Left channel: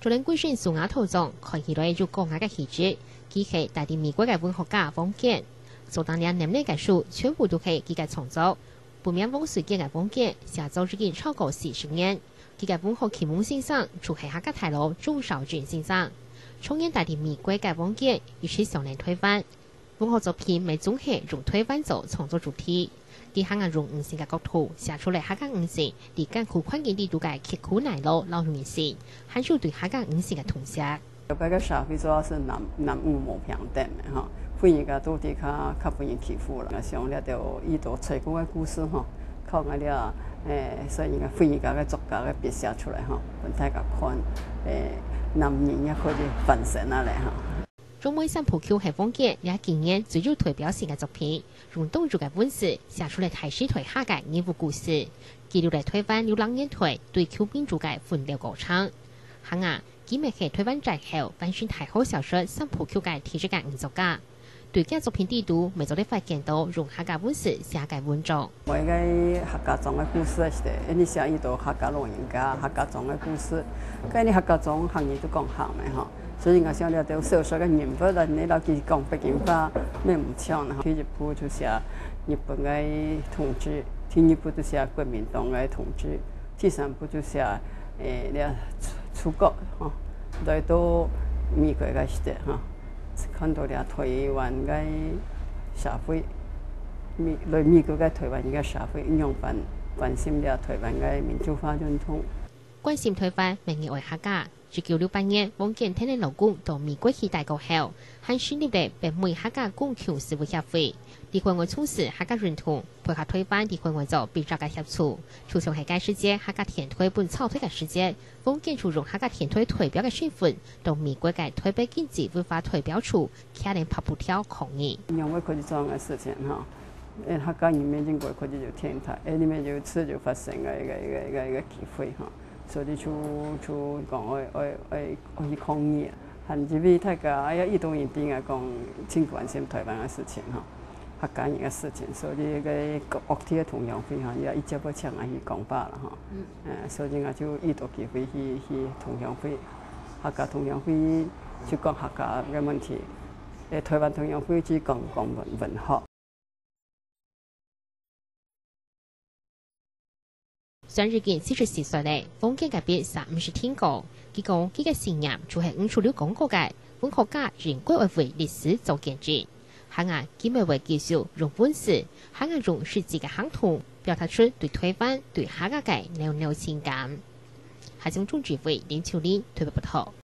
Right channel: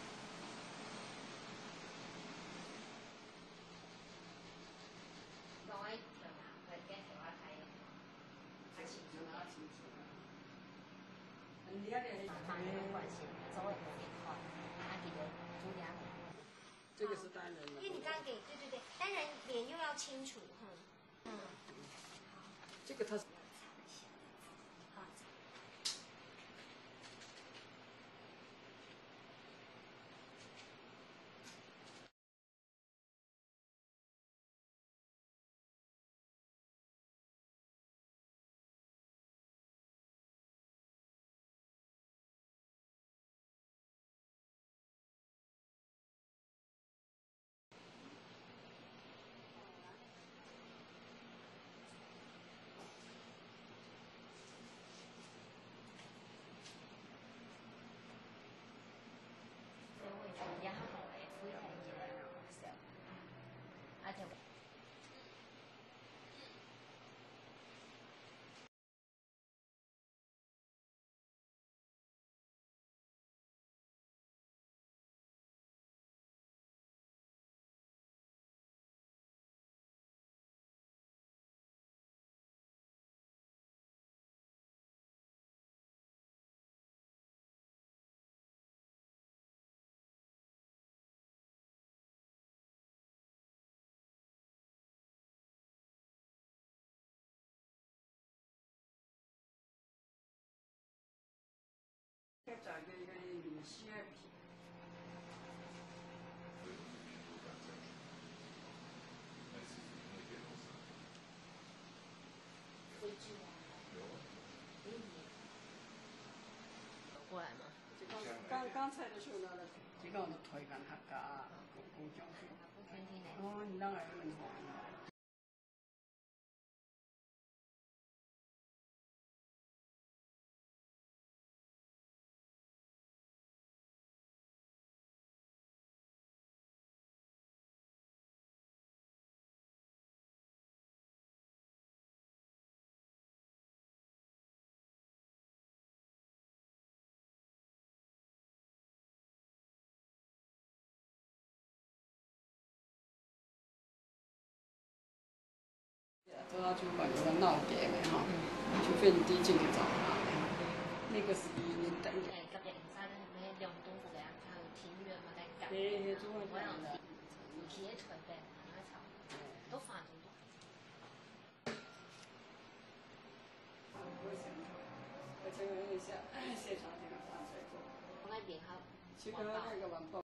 昨天貴姓蘇雅圖中看起來就講下個氣質，佢係大啲美國嘅文學家王傑，做當年年齡嘅書全部都係佢嘅創作。不免往水嘅王傑寫作至今超過40年，佢嘅文學啟蒙先生就係客家大佬鍾肇俊先生。從年大啲美國嘅王傑於是上嚟推翻文學作品，咪總係用推翻做創作主題。啲客家用五線嘅角度寫出嚟客家五線，啲艱苦環境啲度嘅刻苦耐勞老原線，係就對客家五線嘅統寫。嗰個社會主要是男女無平等嘅嚇，婦人家都啲較俾人欺負啦。像呢條依度吹鼓嘅故事嚇，靠我哋所以個婦人家嘅作家嘅筆寫出嚟嚇，俾大家看男人也可以分身啊嚟嚇。中美三浦 Q 係王傑也今年最有代表性嘅作品，用東族嘅本事寫出嚟大師台客家人物故事，記錄嚟推翻流浪人台對 Q 民主嘅奮鬥過程。客家今日係推翻之後翻轉太好小說三浦 Q 嘅體質嘅藝術家，對嘅作品地圖未做啲發現到用客家本事寫嘅文章。我嘅客家莊嘅故事係，你寫依度客家老人家客家莊嘅故事，咁你客家莊行業都講行嘅嚇。所以我想了到小說嘅人物啦，你老佢講北京話咩唔唱啦。第一部就寫日本嘅統治，第二部就寫國民黨嘅統治，第三部就寫你出國嚇，來到美國嘅時代嚇，看到了台灣嘅社會，來美國嘅台灣嘅社會樣板，關心了台灣嘅民主化運動。關心推翻名義為客家。1968年，王傑聽你老公到美國去大學後，還成立了北美客家公共事務協會，啲關愛從事客家認同，配合推翻啲關愛做比較嘅協助。初從係該世界客家田推本草推嘅世界，王傑就用客家田推代表嘅身份，到美國嘅台北經濟文化代表處，開嚟拍布條抗議。因為佢哋做嘅事情嚇，客家人民經過佢哋就天台，裏面就自就發生嘅一個機會嚇。所以就講我去抗議，甚至乎大家移動人邊啊講，真關心台灣嘅事情嚇，客家人嘅事情，所以個樂天嘅同樣會嚇，也一直不請我去講罷啦嚇，所以我就移動機會去同樣會，客家同樣會就講客家嘅問題，台灣同樣會就講文學。上日件44歲咧，王傑嘅別30天過，佢講佢嘅信念就係五處了廣告嘅文學家人歸為歷史做見證。客家今日為介紹用本事，客家用實際嘅行動，表達出對推翻對客家嘅濃濃情感。係從中指揮林秋玲推報報道。